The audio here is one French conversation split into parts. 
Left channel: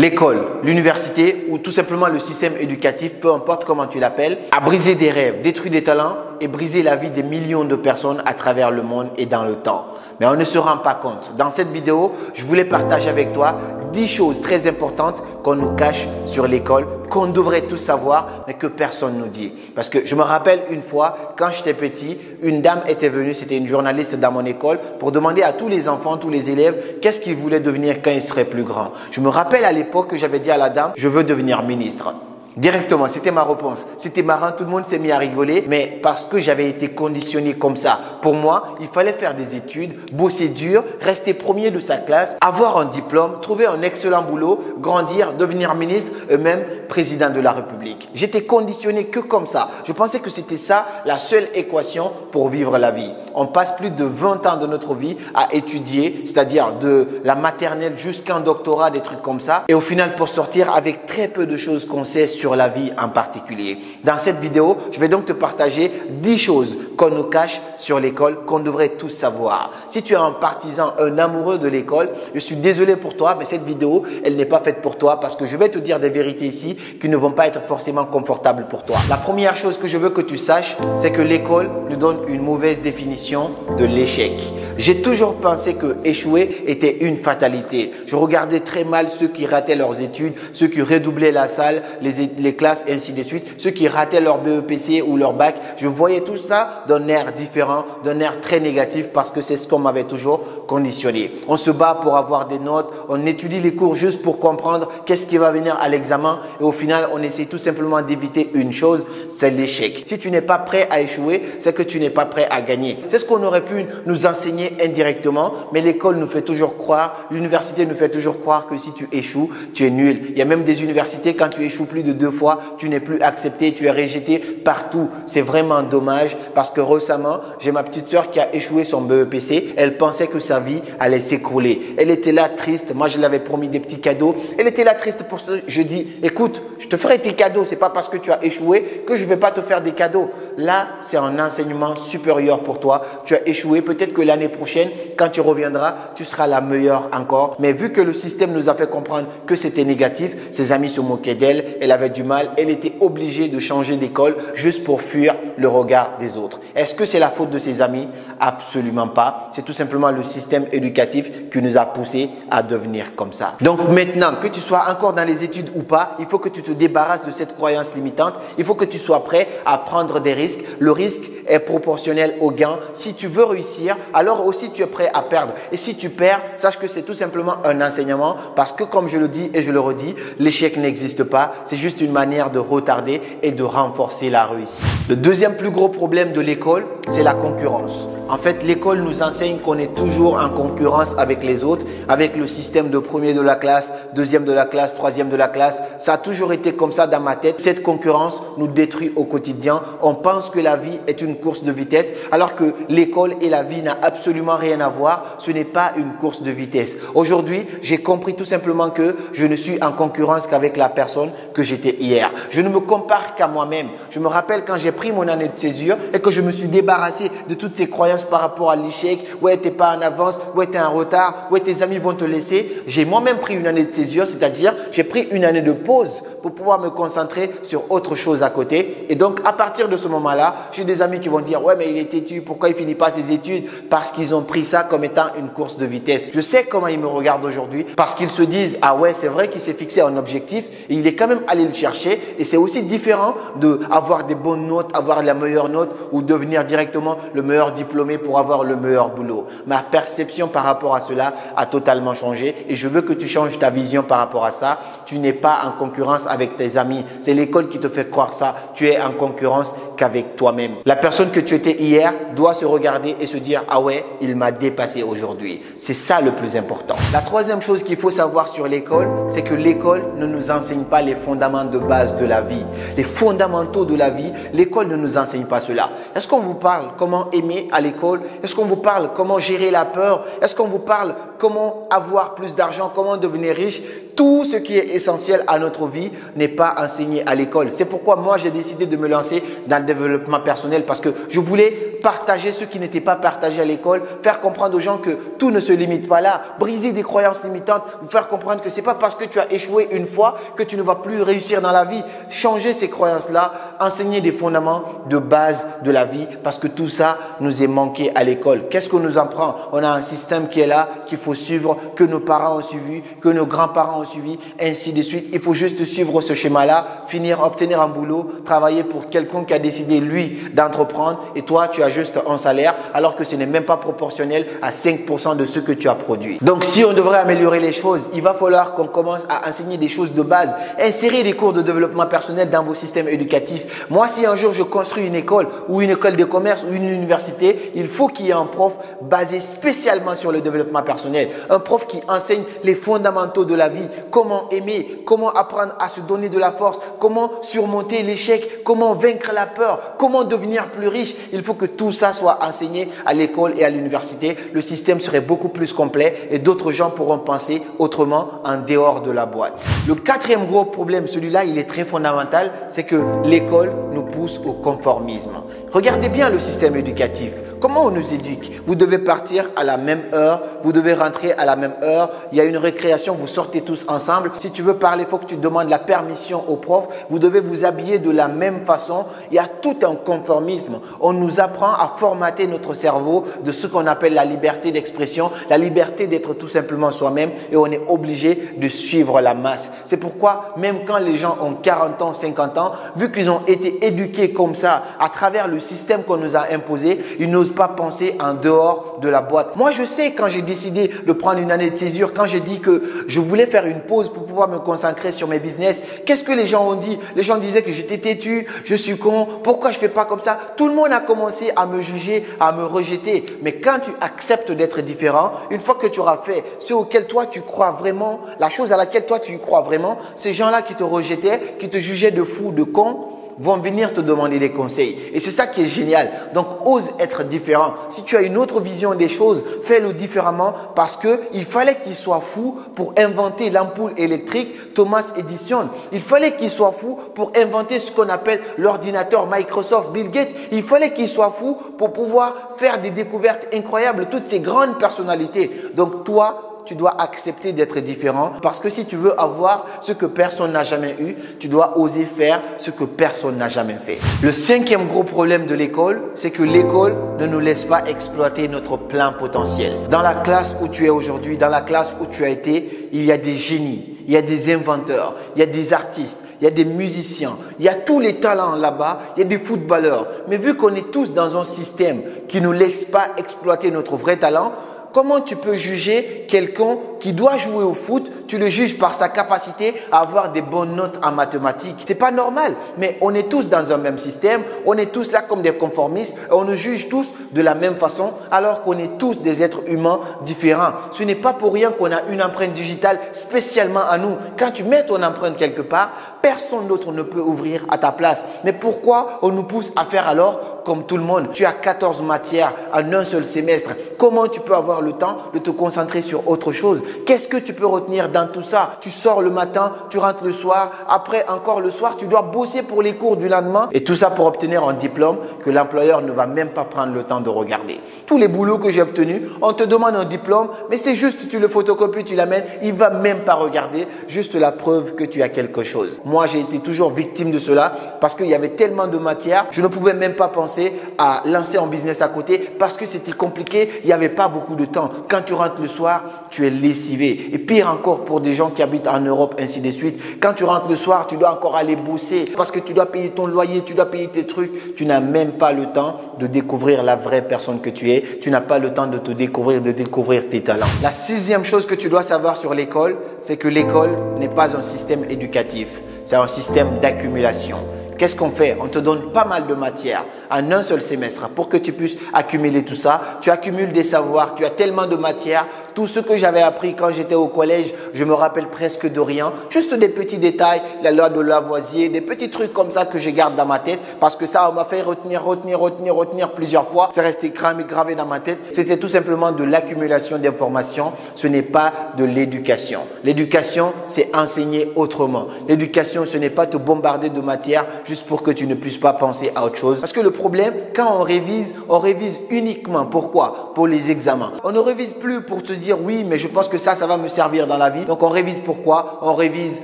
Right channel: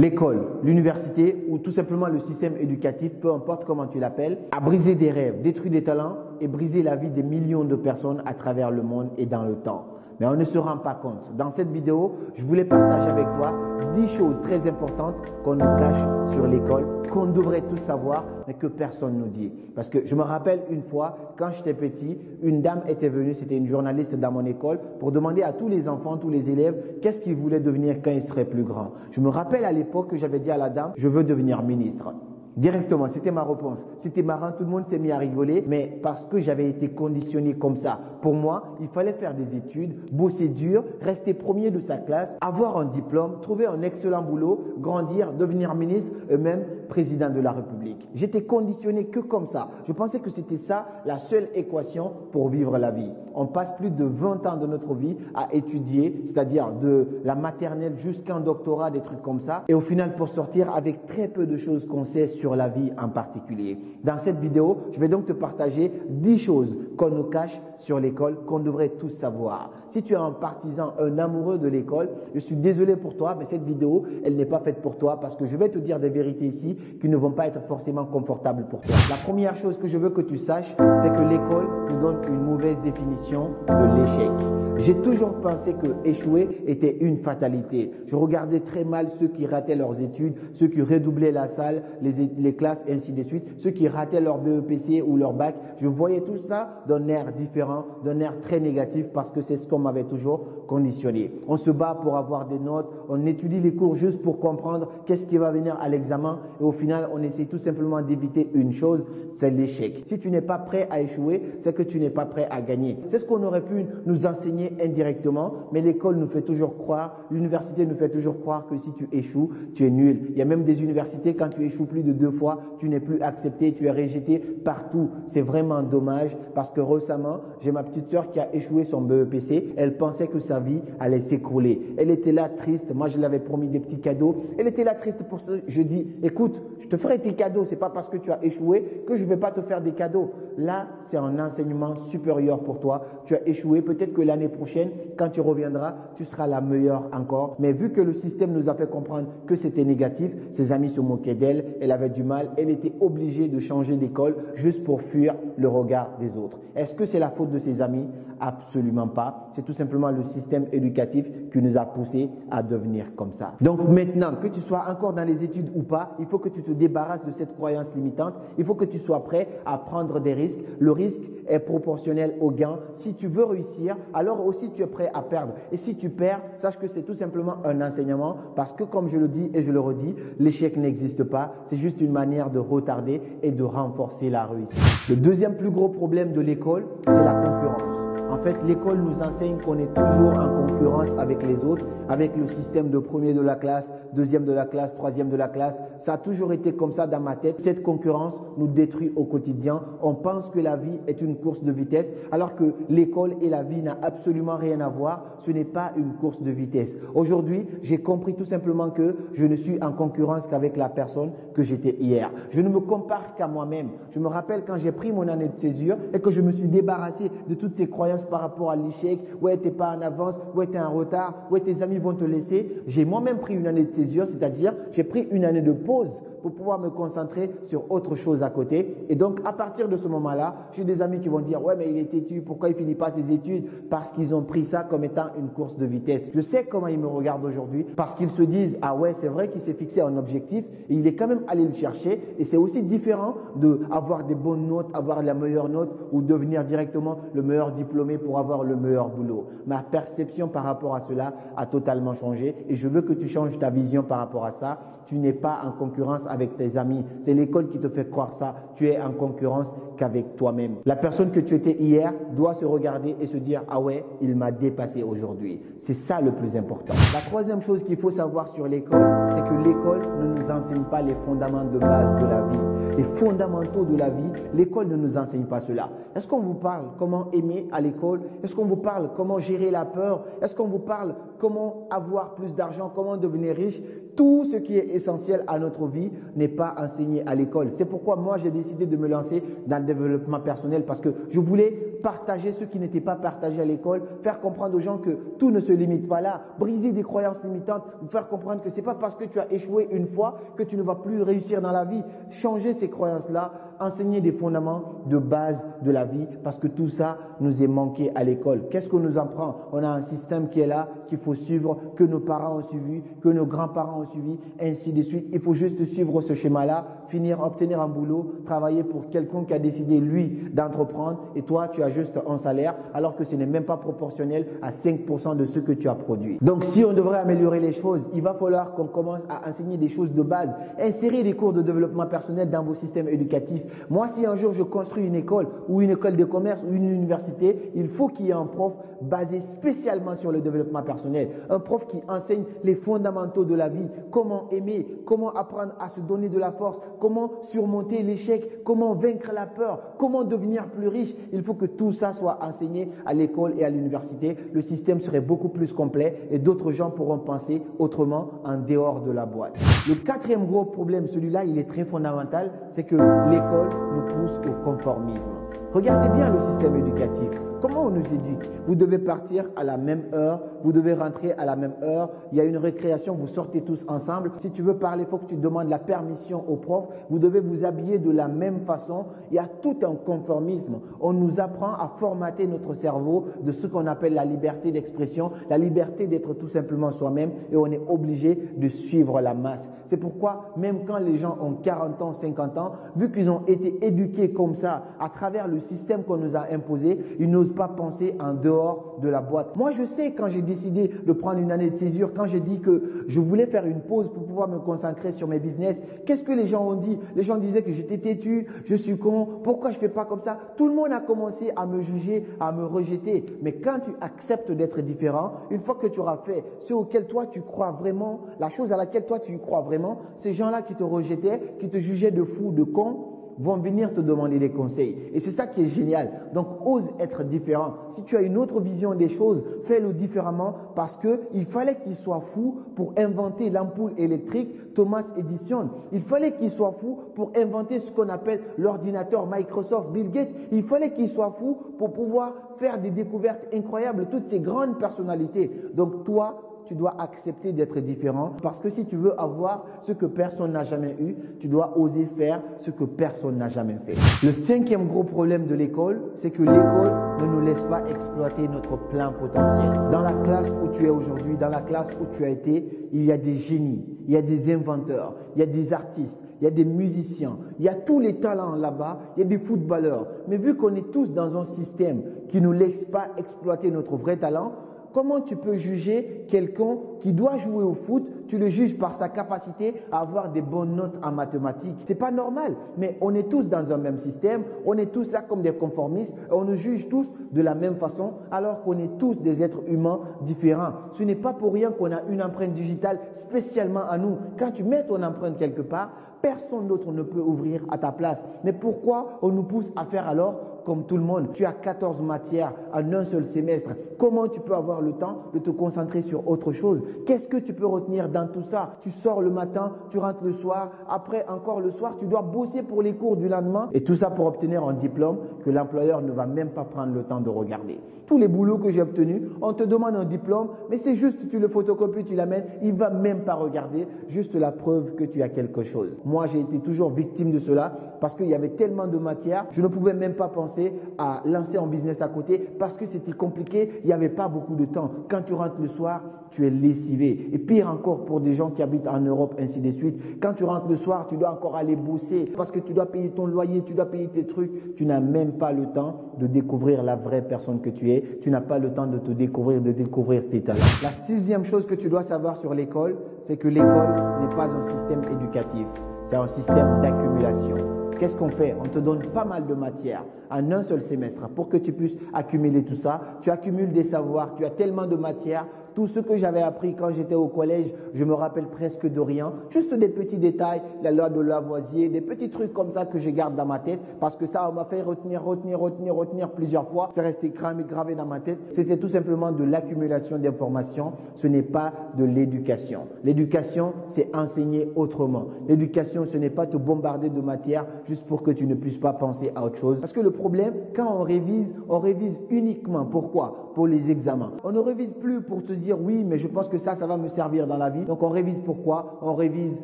L'école, l'université ou tout simplement le système éducatif, peu importe comment tu l'appelles, a brisé des rêves, détruit des talents et brisé la vie des millions de personnes à travers le monde et dans le temps. Mais on ne se rend pas compte. Dans cette vidéo, je voulais partager avec toi 10 choses très importantes qu'on nous cache sur l'école, qu'on devrait tous savoir, mais que personne ne nous dit. Parce que je me rappelle une fois, quand j'étais petit, une dame était venue, c'était une journaliste dans mon école, pour demander à tous les enfants, tous les élèves, qu'est-ce qu'ils voulaient devenir quand ils seraient plus grands. Je me rappelle à l'époque que j'avais dit à la dame, je veux devenir ministre. Directement, c'était ma réponse. C'était marrant, tout le monde s'est mis à rigoler, mais parce que j'avais été conditionné comme ça. Pour moi, il fallait faire des études, bosser dur, rester premier de sa classe, avoir un diplôme, trouver un excellent boulot, grandir, devenir ministre et même président de la République. J'étais conditionné que comme ça. Je pensais que c'était ça la seule équation pour vivre la vie. On passe plus de 20 ans de notre vie à étudier, c'est-à-dire de la maternelle jusqu'un doctorat, des trucs comme ça. Et au final, pour sortir avec très peu de choses qu'on sait sur la vie en particulier. Dans cette vidéo, je vais donc te partager 10 choses qu'on nous cache sur l'école, qu'on devrait tous savoir. Si tu es un partisan, un amoureux de l'école, je suis désolé pour toi, mais cette vidéo, elle n'est pas faite pour toi parce que je vais te dire des vérités ici qui ne vont pas être forcément confortables pour toi. La première chose que je veux que tu saches, c'est que l'école nous donne une mauvaise définition de l'échec. J'ai toujours pensé que échouer était une fatalité. Je regardais très mal ceux qui rataient leurs études, ceux qui redoublaient la salle, les classes, ainsi de suite, ceux qui rataient leur BEPC ou leur bac. Je voyais tout ça d'un air différent, d'un air très négatif parce que c'est ce qu'on m'avait toujours conditionné. On se bat pour avoir des notes, on étudie les cours juste pour comprendre qu'est-ce qui va venir à l'examen et au final, on essaie tout simplement d'éviter une chose, c'est l'échec. Si tu n'es pas prêt à échouer, c'est que tu n'es pas prêt à gagner. C'est ce qu'on aurait pu nous enseigner indirectement, mais l'école nous fait toujours croire, l'université nous fait toujours croire que si tu échoues, tu es nul. Il y a même des universités, quand tu échoues plus de 2 fois, tu n'es plus accepté, tu es rejeté partout. C'est vraiment dommage parce que récemment, j'ai ma petite sœur qui a échoué son BEPC. Elle pensait que sa vie allait s'écrouler. Elle était là triste. Moi, je l'avais promis des petits cadeaux. Elle était là triste pour ça. Je dis, écoute, je te ferai tes cadeaux. C'est pas parce que tu as échoué que je vais pas te faire des cadeaux. Là, c'est un enseignement supérieur pour toi. Tu as échoué. Peut-être que l'année prochaine, quand tu reviendras, tu seras la meilleure encore. Mais vu que le système nous a fait comprendre que c'était négatif, ses amis se moquaient d'elle. Elle avait du mal. Elle était obligée de changer d'école juste pour fuir le regard des autres. Est-ce que c'est la faute de ses amis? Absolument pas. C'est tout simplement le système éducatif qui nous a poussés à devenir comme ça. Donc maintenant, que tu sois encore dans les études ou pas, il faut que tu te débarrasses de cette croyance limitante. Il faut que tu sois prêt à prendre des risques. Le risque est proportionnel au gain. Si tu veux réussir, alors aussi tu es prêt à perdre. Et si tu perds, sache que c'est tout simplement un enseignement parce que comme je le dis et je le redis, l'échec n'existe pas. C'est juste une manière de retarder et de renforcer la réussite. Le deuxième plus gros problème de l'école, c'est la concurrence. En fait, l'école nous enseigne qu'on est toujours en concurrence avec les autres, avec le système de premier de la classe, deuxième de la classe, troisième de la classe. Ça a toujours été comme ça dans ma tête. Cette concurrence nous détruit au quotidien. On pense que la vie est une course de vitesse, alors que l'école et la vie n'ont absolument rien à voir. Ce n'est pas une course de vitesse. Aujourd'hui, j'ai compris tout simplement que je ne suis en concurrence qu'avec la personne que j'étais hier. Je ne me compare qu'à moi-même. Je me rappelle quand j'ai pris mon année de césure et que je me suis débarrassé de toutes ces croyances par rapport à l'échec, ouais, t'es pas en avance, ouais, t'es en retard, ouais, tes amis vont te laisser. J'ai moi-même pris une année de césure, c'est-à-dire j'ai pris une année de pause pour pouvoir me concentrer sur autre chose à côté. Et donc, à partir de ce moment-là, j'ai des amis qui vont dire, ouais, mais il est têtu, pourquoi il finit pas ses études? Parce qu'ils ont pris ça comme étant une course de vitesse. Je sais comment ils me regardent aujourd'hui parce qu'ils se disent, ah ouais, c'est vrai qu'il s'est fixé un objectif et il est quand même allé le chercher. Et c'est aussi différent d'avoir des bonnes notes, avoir la meilleure note ou devenir directement le meilleur diplômé pour avoir le meilleur boulot. Ma perception par rapport à cela a totalement changé et je veux que tu changes ta vision par rapport à ça. Tu n'es pas en concurrence avec tes amis. C'est l'école qui te fait croire ça. Tu es en concurrence qu'avec toi-même. La personne que tu étais hier doit se regarder et se dire, ah ouais, il m'a dépassé aujourd'hui. C'est ça le plus important. La troisième chose qu'il faut savoir sur l'école, c'est que l'école ne nous enseigne pas les fondements de base de la vie. Les fondamentaux de la vie, l'école ne nous enseigne pas cela. Est-ce qu'on vous parle comment aimer à l'école? Est-ce qu'on vous parle comment gérer la peur? Est-ce qu'on vous parle comment avoir plus d'argent, comment devenir riche, tout ce qui est essentiel à notre vie n'est pas enseigné à l'école. C'est pourquoi moi, j'ai décidé de me lancer dans le développement personnel parce que je voulais partager ce qui n'était pas partagé à l'école, faire comprendre aux gens que tout ne se limite pas là, briser des croyances limitantes, vous faire comprendre que ce n'est pas parce que tu as échoué une fois que tu ne vas plus réussir dans la vie. Changer ces croyances-là, enseigner des fondements de base de la vie parce que tout ça nous est manqué à l'école. Qu'est-ce qu'on nous apprend? On a un système qui est là, qu'il faut suivre, que nos parents ont suivi, que nos grands-parents ont suivi, ainsi de suite. Il faut juste suivre ce schéma-là, finir, obtenir un boulot, travailler pour quelqu'un qui a décidé, lui, d'entreprendre et toi, tu as juste un salaire alors que ce n'est même pas proportionnel à 5% de ce que tu as produit. Donc, si on devrait améliorer les choses, il va falloir qu'on commence à enseigner des choses de base. Insérer des cours de développement personnel dans vos systèmes éducatifs. Moi, si un jour je construis une école ou une école de commerce ou une université, il faut qu'il y ait un prof basé spécialement sur le développement personnel. Un prof qui enseigne les fondamentaux de la vie, comment aimer, comment apprendre à se donner de la force, comment surmonter l'échec, comment vaincre la peur, comment devenir plus riche. Il faut que tout ça soit enseigné à l'école et à l'université. Le système serait beaucoup plus complet et d'autres gens pourront penser autrement en dehors de la boîte. Le quatrième gros problème, celui-là, il est très fondamental, c'est que l'école nous pousse au conformisme. Regardez bien le système éducatif. Comment on nous éduque? Vous devez partir à la même heure, vous devez rentrer à la même heure, il y a une récréation, vous sortez tous ensemble. Si tu veux parler, il faut que tu demandes la permission au prof. Vous devez vous habiller de la même façon. Il y a tout un conformisme. On nous apprend à formater notre cerveau de ce qu'on appelle la liberté d'expression, la liberté d'être tout simplement soi-même et on est obligé de suivre la masse. C'est pourquoi même quand les gens ont 40 ans, 50 ans, vu qu'ils ont été éduqués comme ça à travers le système qu'on nous a imposé, ils n'osent pas penser en dehors de la boîte. Moi, je sais quand j'ai décidé de prendre une année de césure, quand j'ai dit que je voulais faire une pause pour pouvoir me concentrer sur mes business, qu'est-ce que les gens ont dit? Les gens disaient que j'étais têtu, je suis con, pourquoi je ne fais pas comme ça? Tout le monde a commencé à me juger, à me rejeter. Mais quand tu acceptes d'être différent, une fois que tu auras fait ce auquel toi tu crois vraiment, la chose à laquelle toi tu crois vraiment, ces gens-là qui te rejetaient, qui te jugeaient de fou, de con, vont venir te demander des conseils. Et c'est ça qui est génial. Donc, ose être différent. Si tu as une autre vision des choses, fais-le différemment parce qu'il fallait qu'il soit fou pour inventer l'ampoule électrique Thomas Edison. Il fallait qu'il soit fou pour inventer ce qu'on appelle l'ordinateur Microsoft Bill Gates. Il fallait qu'il soit fou pour pouvoir faire des découvertes incroyables, toutes ces grandes personnalités. Donc, toi, tu dois accepter d'être différent parce que si tu veux avoir ce que personne n'a jamais eu, tu dois oser faire ce que personne n'a jamais fait. Le cinquième gros problème de l'école, c'est que l'école ne nous laisse pas exploiter notre plein potentiel. Dans la classe où tu es aujourd'hui, dans la classe où tu as été, il y a des génies, il y a des inventeurs, il y a des artistes, il y a des musiciens, il y a tous les talents là-bas, il y a des footballeurs. Mais vu qu'on est tous dans un système qui ne nous laisse pas exploiter notre vrai talent, comment tu peux juger quelqu'un qui doit jouer au foot? Tu le juges par sa capacité à avoir des bonnes notes en mathématiques. C'est pas normal, mais on est tous dans un même système, on est tous là comme des conformistes, et on nous juge tous de la même façon alors qu'on est tous des êtres humains différents. Ce n'est pas pour rien qu'on a une empreinte digitale spécialement à nous. Quand tu mets ton empreinte quelque part, personne d'autre ne peut ouvrir à ta place. Mais pourquoi on nous pousse à faire alors comme tout le monde? Tu as 14 matières en un seul semestre. Comment tu peux avoir le temps de te concentrer sur autre chose? Qu'est-ce que tu peux retenir dans tout ça? Tu sors le matin, tu rentres le soir, après encore le soir, tu dois bosser pour les cours du lendemain et tout ça pour obtenir un diplôme que l'employeur ne va même pas prendre le temps de regarder. Tous les boulots que j'ai obtenus, on te demande un diplôme, mais c'est juste tu le photocopies, tu l'amènes, il ne va même pas regarder, juste la preuve que tu as quelque chose. Moi, j'ai été toujours victime de cela parce qu'il y avait tellement de matières, je ne pouvais même pas penser à lancer un business à côté parce que c'était compliqué, il n'y avait pas beaucoup de temps. Quand tu rentres le soir, tu es lessivé. Et pire encore pour des gens qui habitent en Europe, ainsi de suite. Quand tu rentres le soir, tu dois encore aller bosser parce que tu dois payer ton loyer, tu dois payer tes trucs. Tu n'as même pas le temps de découvrir la vraie personne que tu es. Tu n'as pas le temps de te découvrir, de découvrir tes talents. La sixième chose que tu dois savoir sur l'école, c'est que l'école n'est pas un système éducatif. C'est un système d'accumulation. qu'est-ce qu'on fait? On te donne pas mal de matière en un seul semestre pour que tu puisses accumuler tout ça. Tu accumules des savoirs, tu as tellement de matière. Tout ce que j'avais appris quand j'étais au collège, je me rappelle presque de rien. Juste des petits détails, la loi de Lavoisier, des petits trucs comme ça que je garde dans ma tête parce que ça m'a fait retenir plusieurs fois. C'est resté gravé dans ma tête. C'était tout simplement de l'accumulation d'informations. Ce n'est pas de l'éducation. L'éducation, c'est enseigner autrement. L'éducation, ce n'est pas te bombarder de matière juste pour que tu ne puisses pas penser à autre chose. Parce que le problème, quand on révise uniquement. Pourquoi? Pour les examens. On ne révise plus pour se dire oui, mais je pense que ça va me servir dans la vie. Donc on révise pourquoi? On révise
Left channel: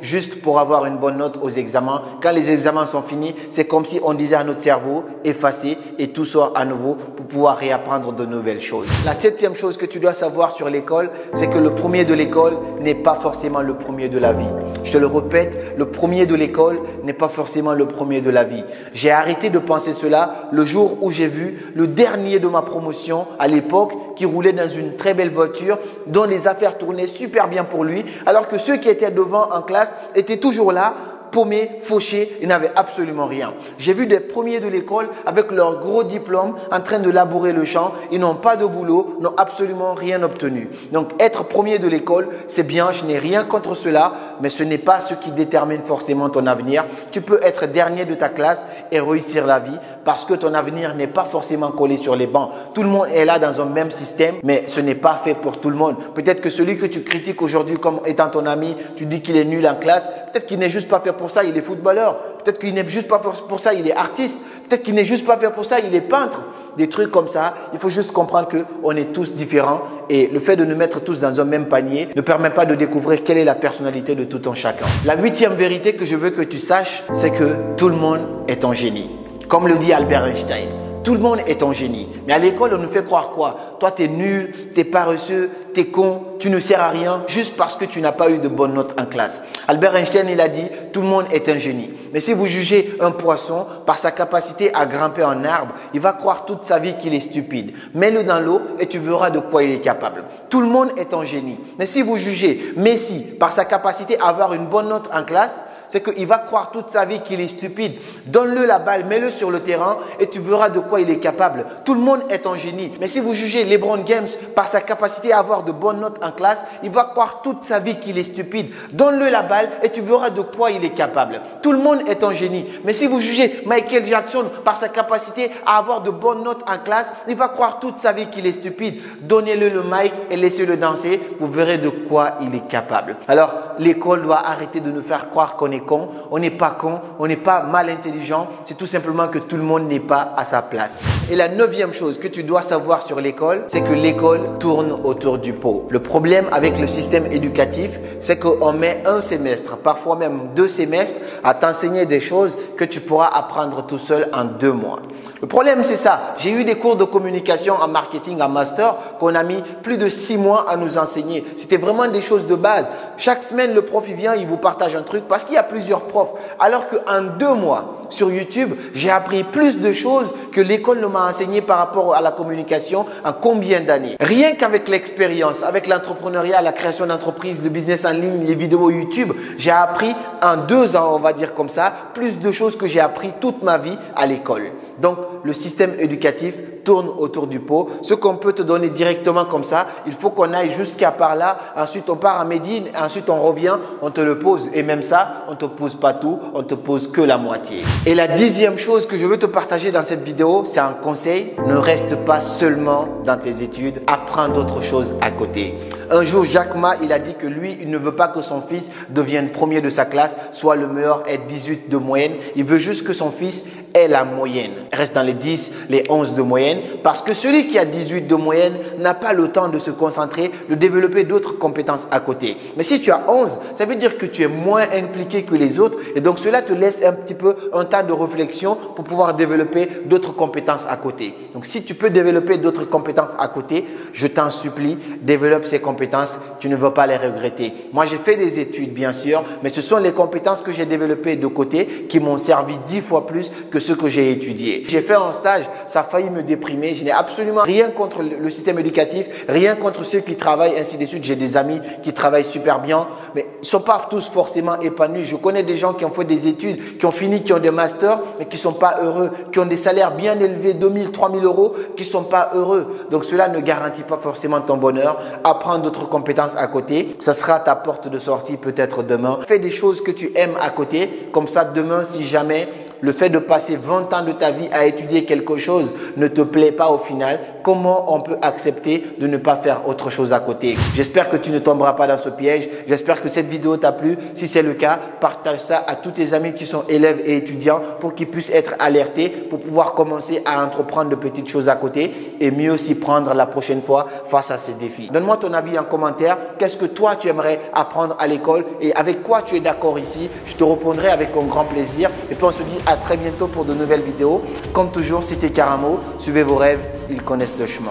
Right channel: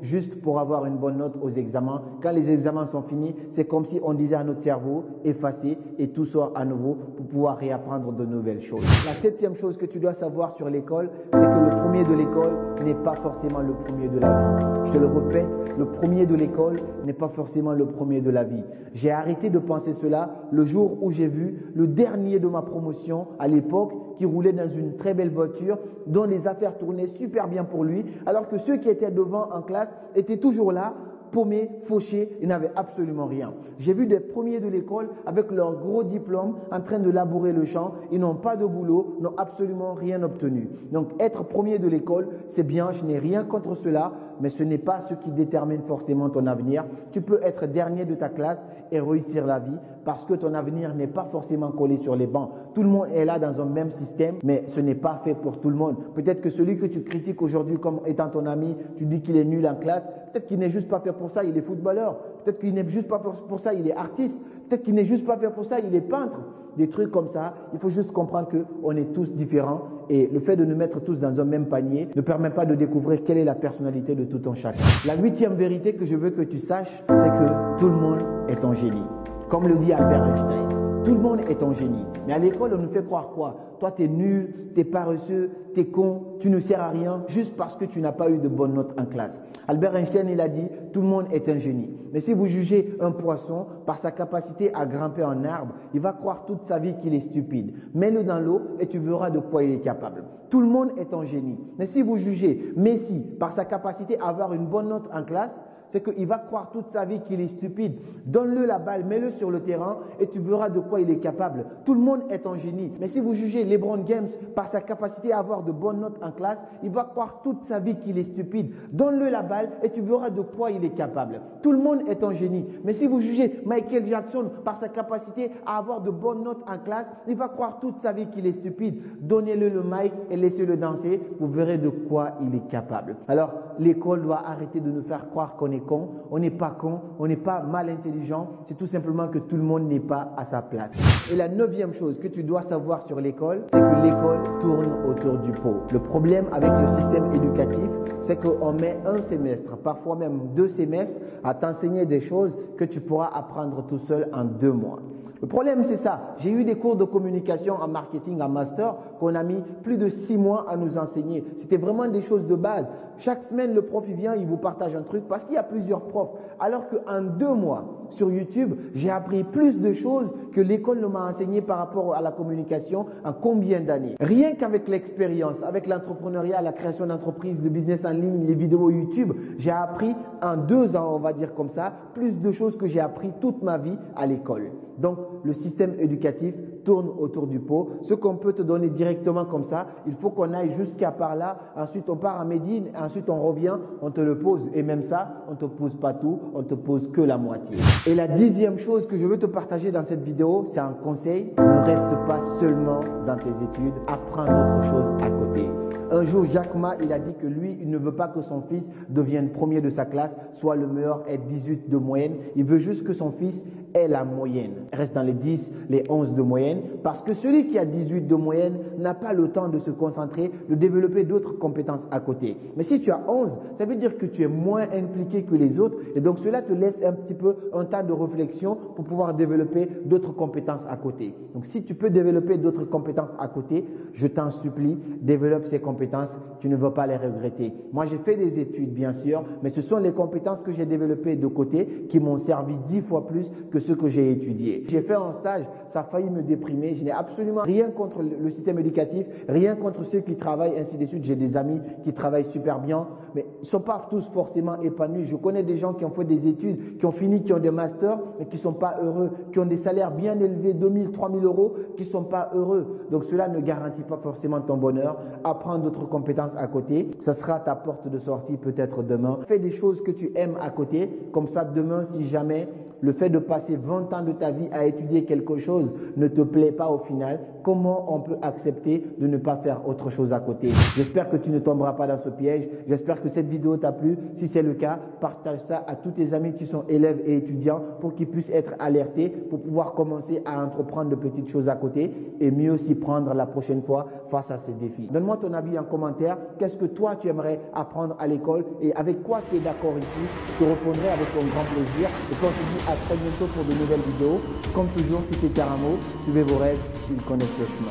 juste pour avoir une bonne note aux examens. Quand les examens sont finis, c'est comme si on disait à notre cerveau, effacer et tout sort à nouveau pour pouvoir réapprendre de nouvelles choses. La septième chose que tu dois savoir sur l'école, c'est que le premier de l'école n'est pas forcément le premier de la vie. Je te le répète, le premier de l'école n'est pas forcément le premier de la vie. J'ai arrêté de penser cela le jour où j'ai vu le dernier de ma promotion à l'époque qui roulait dans une très belle voiture dont les affaires tournaient super bien pour lui, alors que ceux qui étaient devant en classe étaient toujours là, paumés, fauchés, ils n'avaient absolument rien. J'ai vu des premiers de l'école avec leur gros diplôme en train de labourer le champ. Ils n'ont pas de boulot, n'ont absolument rien obtenu. Donc être premier de l'école, c'est bien, je n'ai rien contre cela, mais ce n'est pas ce qui détermine forcément ton avenir. Tu peux être dernier de ta classe et réussir la vie parce que ton avenir n'est pas forcément collé sur les bancs. Tout le monde est là dans un même système, mais ce n'est pas fait pour tout le monde. Peut-être que celui que tu critiques aujourd'hui comme étant ton ami, tu dis qu'il est nul en classe, peut-être qu'il n'est juste pas fait pour ça, il est footballeur. Peut-être qu'il n'est juste pas fait pour ça, il est artiste. Peut-être qu'il n'est juste pas fait pour ça, il est peintre. Des trucs comme ça, il faut juste comprendre qu'on est tous différents et le fait de nous mettre tous dans un même panier ne permet pas de découvrir quelle est la personnalité de tout un chacun. La huitième vérité que je veux que tu saches, c'est que tout le monde est un génie. Comme le dit Albert Einstein, tout le monde est un génie. Mais à l'école, on nous fait croire quoi? Toi, tu es nul, tu es paresseux, tu es con, tu ne sers à rien juste parce que tu n'as pas eu de bonnes notes en classe. Albert Einstein, il a dit, tout le monde est un génie. Mais si vous jugez un poisson par sa capacité à grimper un arbre, il va croire toute sa vie qu'il est stupide. Mets-le dans l'eau et tu verras de quoi il est capable. Tout le monde est un génie. Mais si vous jugez Messi par sa capacité à avoir une bonne note en classe, c'est qu'il va croire toute sa vie qu'il est stupide. Donne-le la balle, mets-le sur le terrain et tu verras de quoi il est capable. Tout le monde est un génie. Mais si vous jugez LeBron James par sa capacité à avoir de bonnes notes en classe, il va croire toute sa vie qu'il est stupide. Donne-le la balle et tu verras de quoi il est capable. Tout le monde est un génie. Mais si vous jugez Michael Jackson par sa capacité à avoir de bonnes notes en classe, il va croire toute sa vie qu'il est stupide. Donnez-le le mic et laissez-le danser. Vous verrez de quoi il est capable. Alors, l'école doit arrêter de nous faire croire qu'on est con, on n'est pas con, on n'est pas mal intelligent, c'est tout simplement que tout le monde n'est pas à sa place. Et la neuvième chose que tu dois savoir sur l'école, c'est que l'école tourne autour du pot. Le problème avec le système éducatif, c'est qu'on met un semestre, parfois même 2 semestres, à t'enseigner des choses que tu pourras apprendre tout seul en 2 mois. Le problème, c'est ça. J'ai eu des cours de communication en marketing, en master, qu'on a mis plus de 6 mois à nous enseigner. C'était vraiment des choses de base. Chaque semaine, le prof, il vient, il vous partage un truc parce qu'il y a plusieurs profs. Alors qu'en 2 mois, sur YouTube, j'ai appris plus de choses que l'école ne m'a enseigné par rapport à la communication en combien d'années. Rien qu'avec l'expérience, avec l'entrepreneuriat, la création d'entreprise, le business en ligne, les vidéos YouTube, j'ai appris en 2 ans, on va dire comme ça, plus de choses que j'ai appris toute ma vie à l'école. Donc, le système éducatif tourne autour du pot. Ce qu'on peut te donner directement comme ça, il faut qu'on aille jusqu'à par là. Ensuite, on part à Médine. Ensuite, on revient, on te le pose. Et même ça, on ne te pose pas tout, on te pose que la moitié. Et la 10e chose que je veux te partager dans cette vidéo, c'est un conseil. Ne reste pas seulement dans tes études. Apprends d'autres choses à côté. Un jour, Jack Ma, il a dit que lui, il ne veut pas que son fils devienne premier de sa classe, soit le meilleur, ait 18 de moyenne. Il veut juste que son fils ait la moyenne. Reste dans les 10, les 11 de moyenne. Parce que celui qui a 18 de moyenne n'a pas le temps de se concentrer, de développer d'autres compétences à côté. Mais si tu as 11, ça veut dire que tu es moins impliqué que les autres. Et donc, cela te laisse un petit peu un temps de réflexion pour pouvoir développer d'autres compétences à côté. Donc, si tu peux développer d'autres compétences à côté, je t'en supplie, développe ces compétences. Tu ne vas pas les regretter. Moi, j'ai fait des études, bien sûr, mais ce sont les compétences que j'ai développées de côté qui m'ont servi 10 fois plus que ce que j'ai étudié. J'ai fait un stage, ça a failli me déprimer déprimé. Je n'ai absolument rien contre le système éducatif, rien contre ceux qui travaillent, ainsi de suite. J'ai des amis qui travaillent super bien, mais ils ne sont pas tous forcément épanouis. Je connais des gens qui ont fait des études, qui ont fini, qui ont des masters, mais qui ne sont pas heureux, qui ont des salaires bien élevés, 2 000, 3 000 euros, qui ne sont pas heureux. Donc cela ne garantit pas forcément ton bonheur. Apprends d'autres compétences à côté. Ça sera ta porte de sortie peut-être demain. Fais des choses que tu aimes à côté. Comme ça, demain, si jamais le fait de passer 20 ans de ta vie à étudier quelque chose ne te plaît pas au final, comment on peut accepter de ne pas faire autre chose à côté? J'espère que tu ne tomberas pas dans ce piège. J'espère que cette vidéo t'a plu. Si c'est le cas, partage ça à tous tes amis qui sont élèves et étudiants pour qu'ils puissent être alertés, pour pouvoir commencer à entreprendre de petites choses à côté et mieux s'y prendre la prochaine fois face à ces défis. Donne-moi ton avis en commentaire. Qu'est-ce que toi tu aimerais apprendre à l'école et avec quoi tu es d'accord ici? Je te répondrai avec un grand plaisir. Et puis on se dit à très bientôt pour de nouvelles vidéos. Comme toujours, c'était Karamo. Suivez vos rêves, ils connaissent le chemin.